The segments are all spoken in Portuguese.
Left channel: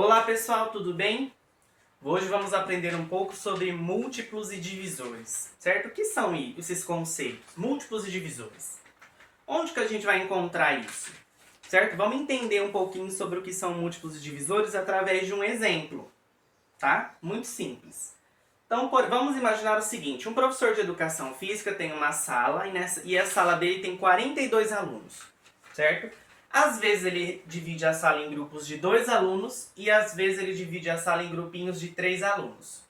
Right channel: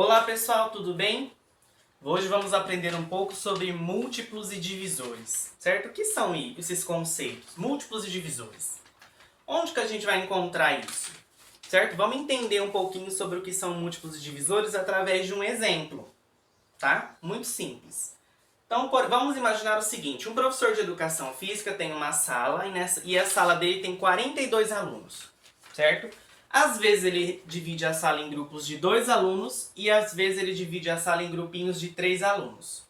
Olá pessoal, tudo bem? Hoje vamos aprender um pouco sobre múltiplos e divisores, certo? O que são esses conceitos, múltiplos e divisores? Onde que a gente vai encontrar isso, certo? Vamos entender um pouquinho sobre o que são múltiplos e divisores através de um exemplo, tá? Muito simples. Então, vamos imaginar o seguinte, um professor de educação física tem uma sala e a sala dele tem 42 alunos, certo? Às vezes ele divide a sala em grupos de 2 alunos e às vezes ele divide a sala em grupinhos de 3 alunos.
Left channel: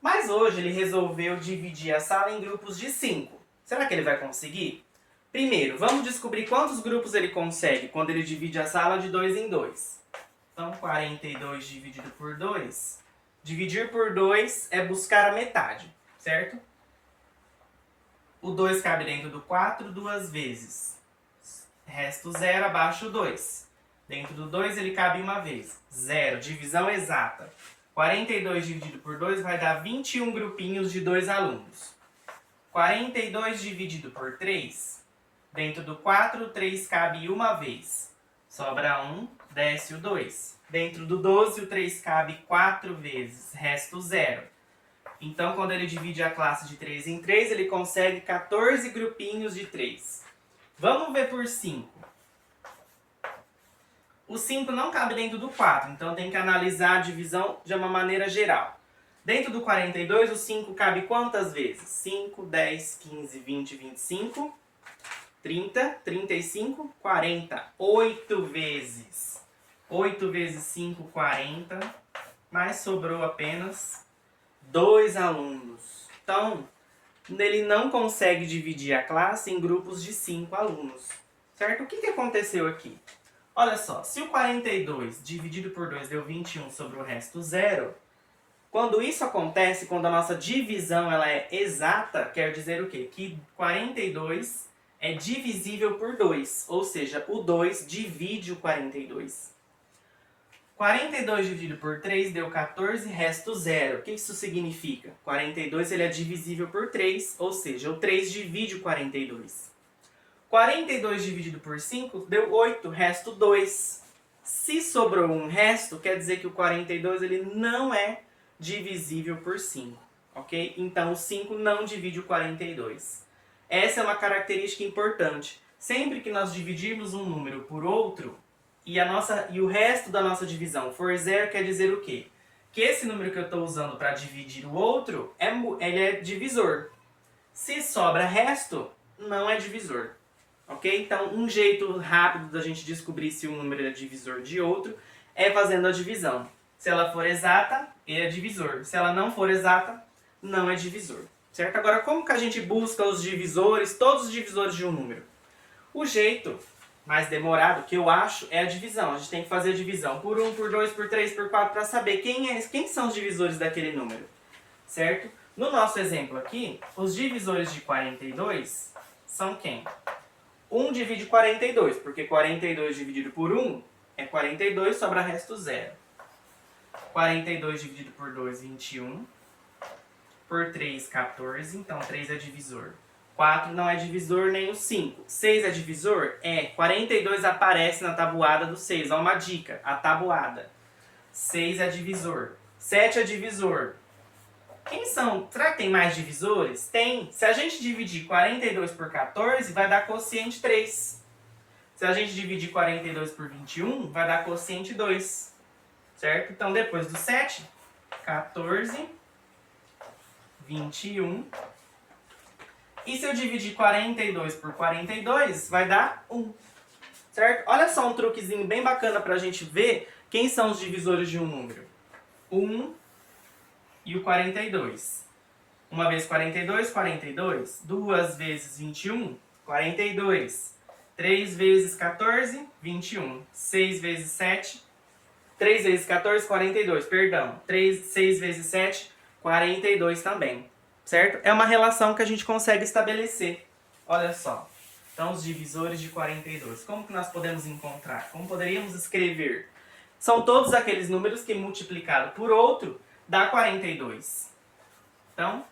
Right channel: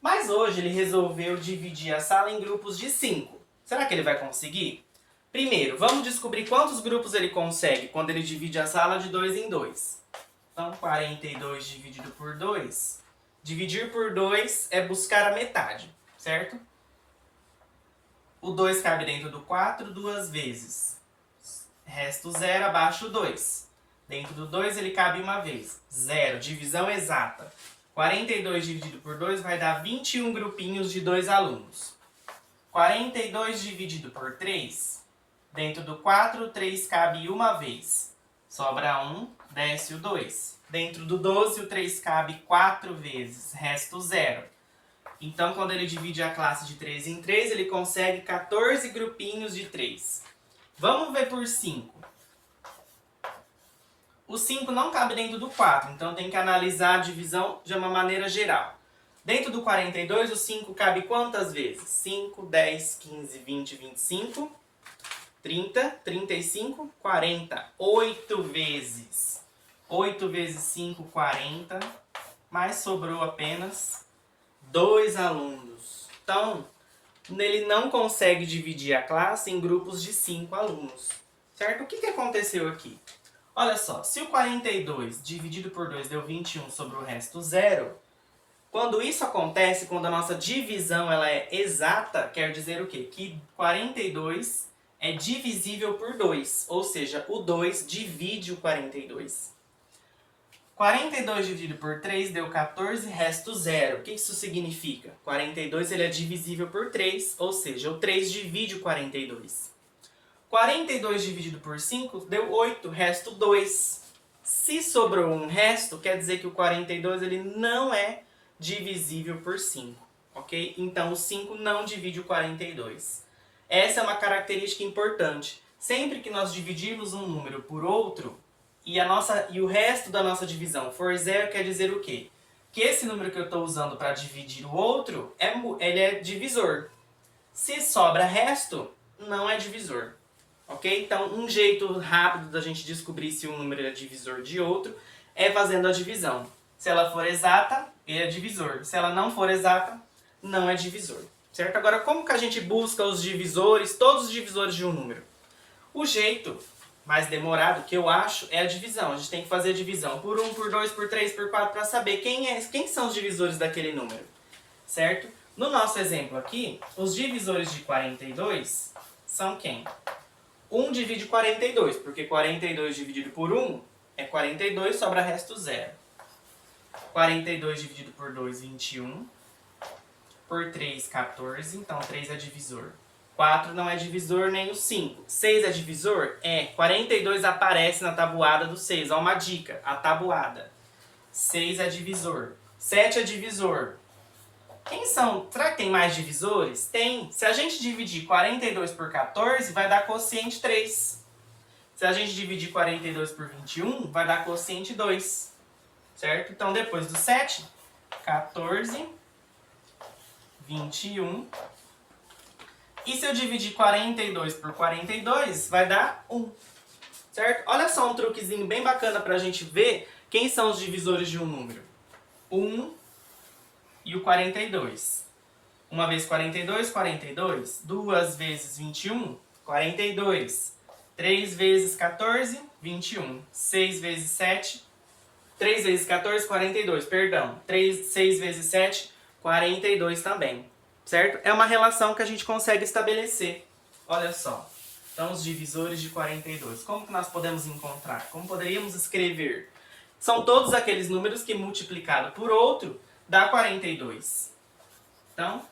Mas hoje ele resolveu dividir a sala em grupos de 5. Será que ele vai conseguir? Primeiro, vamos descobrir quantos grupos ele consegue quando ele divide a sala de 2 em 2. Então, 42 dividido por 2. Dividir por 2 é buscar a metade, certo? O 2 cabe dentro do 4 duas vezes. Resto 0, abaixo 2. Dentro do 2 ele cabe uma vez. 0, divisão exata. 42 dividido por 2 vai dar 21 grupinhos de 2 alunos. 42 dividido por 3. Dentro do 4, 3 cabe uma vez. Sobra 1, desce o 2. Dentro do 12, o 3 cabe 4 vezes. Resto 0. Então, quando ele divide a classe de 3 em 3, ele consegue 14 grupinhos de 3. Vamos ver por 5. O 5 não cabe dentro do 4, então tem que analisar a divisão de uma maneira geral. Dentro do 42, o 5 cabe quantas vezes? 5, 10, 15, 20, 25, 30, 35, 40. 8 vezes. 8 vezes 5, 40. Mas sobrou apenas 2 alunos. Então, ele não consegue dividir a classe em grupos de 5 alunos, certo? O que aconteceu aqui? Olha só, se o 42 dividido por 2 deu 21 sobre o resto 0, quando isso acontece, quando a nossa divisão ela é exata, quer dizer o quê? Que 42 é divisível por 2, ou seja, o 2 divide o 42. 42 dividido por 3 deu 14, resto 0. O que isso significa? 42 ele é divisível por 3, ou seja, o 3 divide o 42. 42 dividido por 5 deu 8, resto 2. Se sobrou um resto, quer dizer que o 42 ele não é divisível por 5, ok? Então o 5 não divide o 42. Essa é uma característica importante. Sempre que nós dividirmos um número por outro, e o resto da nossa divisão for 0, quer dizer o quê? Que esse número que eu estou usando para dividir o outro, ele é divisor. Se sobra resto, não é divisor. Ok? Então, um jeito rápido da gente descobrir se um número é divisor de outro é fazendo a divisão. Se ela for exata, ele é divisor. Se ela não for exata, não é divisor. Certo? Agora, como que a gente busca os divisores, todos os divisores de um número? O jeito mais demorado, que eu acho, é a divisão. A gente tem que fazer a divisão por 1, por 2, por 3, por 4, para saber quem são os divisores daquele número. Certo? No nosso exemplo aqui, os divisores de 42 são quem? 1 divide 42, porque 42 dividido por 1 é 42, sobra resto 0. 42 dividido por 2, 21. Por 3, 14, então 3 é divisor. 4 não é divisor nem o 5. 6 é divisor? É. 42 aparece na tabuada do 6. Olha uma dica, a tabuada. 6 é divisor. 7 é divisor. Quem são? Será que tem mais divisores? Tem. Se a gente dividir 42 por 14, vai dar quociente 3. Se a gente dividir 42 por 21, vai dar quociente 2. Certo? Então, depois do 7, 14, 21. E se eu dividir 42 por 42, vai dar 1. Certo? Olha só um truquezinho bem bacana para a gente ver quem são os divisores de um número. 1 e o 42. Uma vez 42, 42. Duas vezes 21, 42. 3 vezes 14, 21. 6 vezes 7, 3 vezes 14, 42. Perdão. 6 vezes 7, 42 também. Certo? É uma relação que a gente consegue estabelecer. Olha só. Então, os divisores de 42. Como que nós podemos encontrar? Como poderíamos escrever? São todos aqueles números que multiplicado por outro dá 42. Então,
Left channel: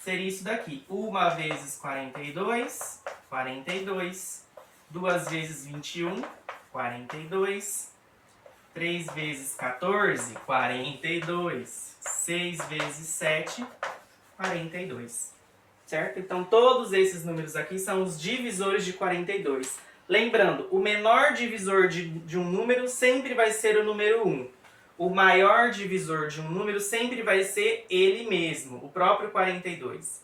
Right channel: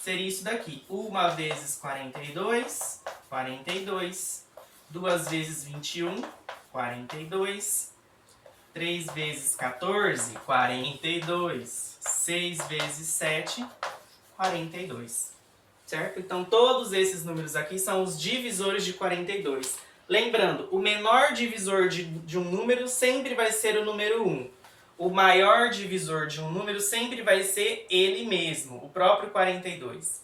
seria isso daqui. 1 vezes 42, 42. 2 vezes 21, 42. 3 vezes 14, 42. 6 vezes 7, 42. Certo? Então, todos esses números aqui são os divisores de 42. Lembrando, o menor divisor de um número sempre vai ser o número 1. O maior divisor de um número sempre vai ser ele mesmo, o próprio 42.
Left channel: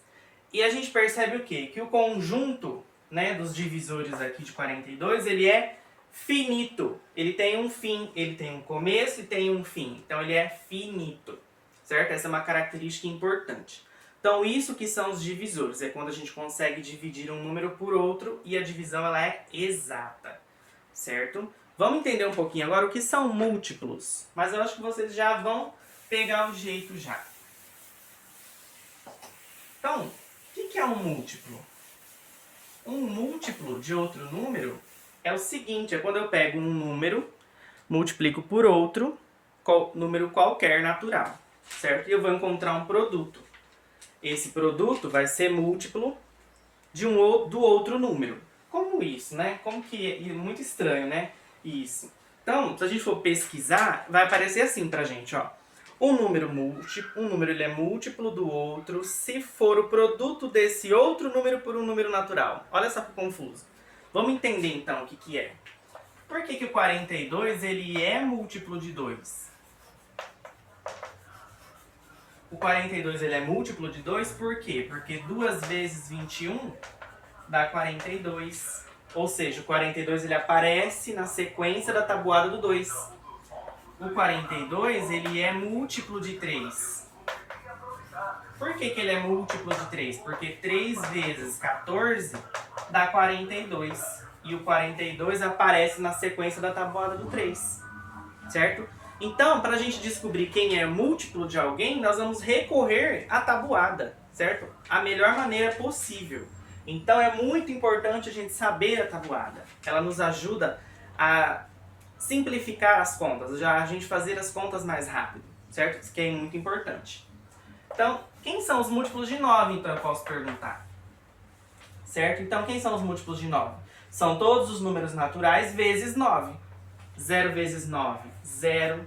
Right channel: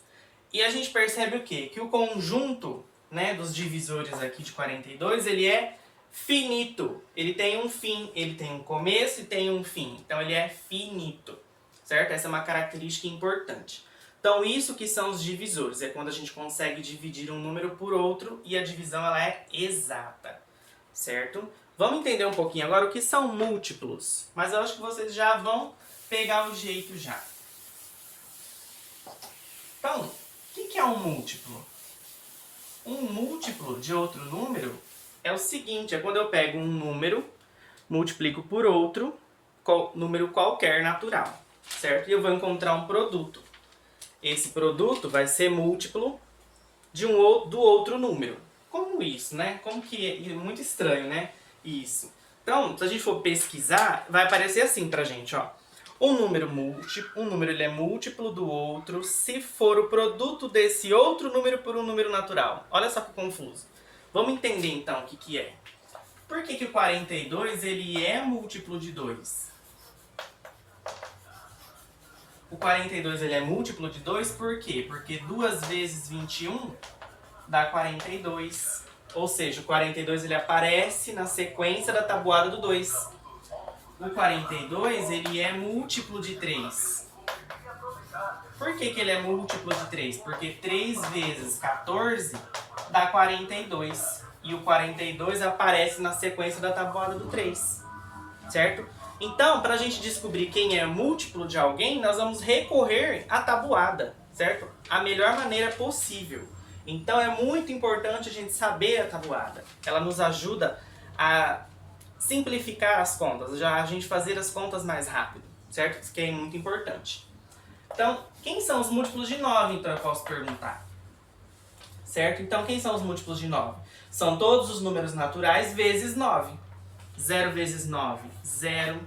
E a gente percebe o quê? Que o conjunto, né, dos divisores aqui de 42, ele é finito. Ele tem um fim, ele tem um começo e tem um fim. Então, ele é finito. Certo? Essa é uma característica importante. Então, isso que são os divisores. É quando a gente consegue dividir um número por outro e a divisão ela é exata. Certo? Vamos entender um pouquinho agora o que são múltiplos. Mas eu acho que vocês já vão pegar o jeito já. Então, o que é um múltiplo? Um múltiplo de outro número é o seguinte, é quando eu pego um número, multiplico por outro, número qualquer natural, certo? E eu vou encontrar um produto. Esse produto vai ser múltiplo do outro número. Como isso, né? Como que é muito estranho, né? Isso. Então, se a gente for pesquisar, vai aparecer assim pra gente, ó. Um número ele é múltiplo do outro se for o produto desse outro número por um número natural. Olha só que confuso. Vamos entender então o que é. Por que o 42 ele é múltiplo de 2? O 42 ele é múltiplo de 2 por quê? Porque 2 vezes 21 dá 42. Ou seja, o 42 ele aparece na sequência da tabuada do 2. O 42 ele é múltiplo de 3. Por que ele é múltiplo de 3? Porque 3 vezes 14 dá 42. E o 42 aparece na sequência da tabuada do 3. Certo? Então, para a gente descobrir quem é múltiplo de alguém, nós vamos recorrer à tabuada. Certo? A melhor maneira possível. Então, é muito importante a gente saber a tabuada. Ela nos ajuda a simplificar as contas, já a gente fazer as contas mais rápido, certo? Isso que é muito importante. Então, quem são os múltiplos de 9, então eu posso perguntar? Certo? Então, quem são os múltiplos de 9? São todos os números naturais vezes 9. 0 vezes 9, 0.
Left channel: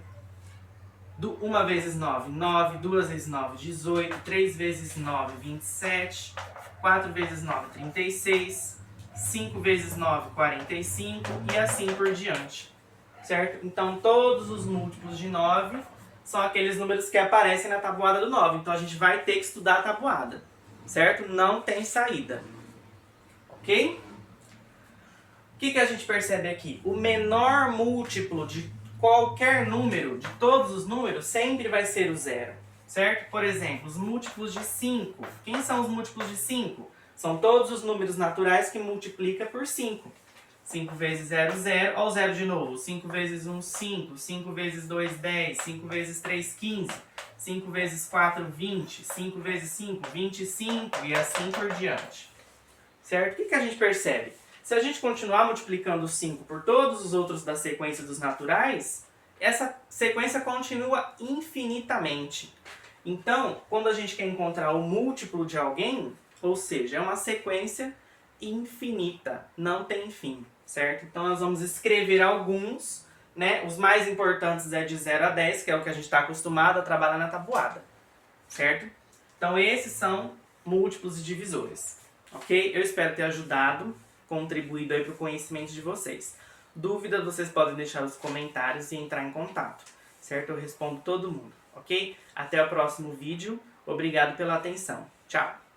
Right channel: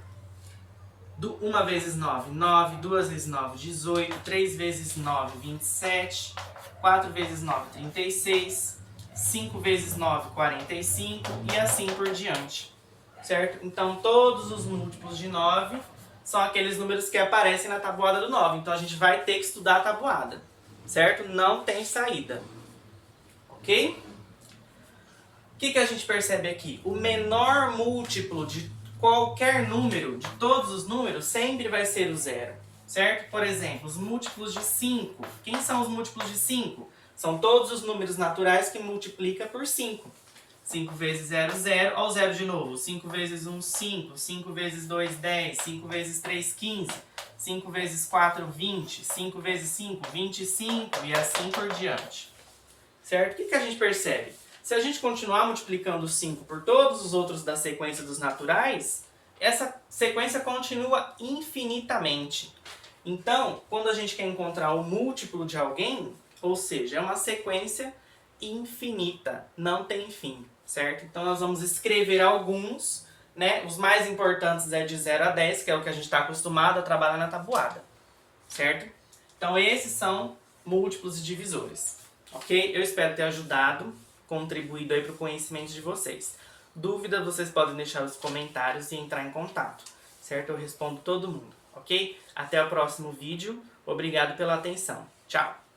1 vezes 9, 9. 2 vezes 9, 18. 3 vezes 9, 27. 4 vezes 9, 36. 5 vezes 9, 45. E assim por diante. Certo? Então, todos os múltiplos de 9 são aqueles números que aparecem na tabuada do 9. Então, a gente vai ter que estudar a tabuada. Certo? Não tem saída. Ok? O que a gente percebe aqui? O menor múltiplo de qualquer número, de todos os números, sempre vai ser o 0. Certo? Por exemplo, os múltiplos de 5. Quem são os múltiplos de 5? São todos os números naturais que multiplicam por 5. 5 vezes 0, 0. Olha o 0 de novo. 5 vezes 1, 5. 5 vezes 2, 10. 5 vezes 3, 15. 5 vezes 4, 20. 5 vezes 5, 25. E assim por diante. Certo? O que a gente percebe? Se a gente continuar multiplicando 5 por todos os outros da sequência dos naturais, essa sequência continua infinitamente. Então, quando a gente quer encontrar o múltiplo de alguém, ou seja, é uma sequência infinita, não tem fim, certo? Então, nós vamos escrever alguns, né? Os mais importantes é de 0 a 10, que é o que a gente está acostumado a trabalhar na tabuada, certo? Então, esses são múltiplos e divisores, ok? Eu espero ter ajudado, contribuído aí para o conhecimento de vocês. Dúvidas, vocês podem deixar nos comentários e entrar em contato, certo? Eu respondo todo mundo, ok? Até o próximo vídeo. Obrigado pela atenção. Tchau!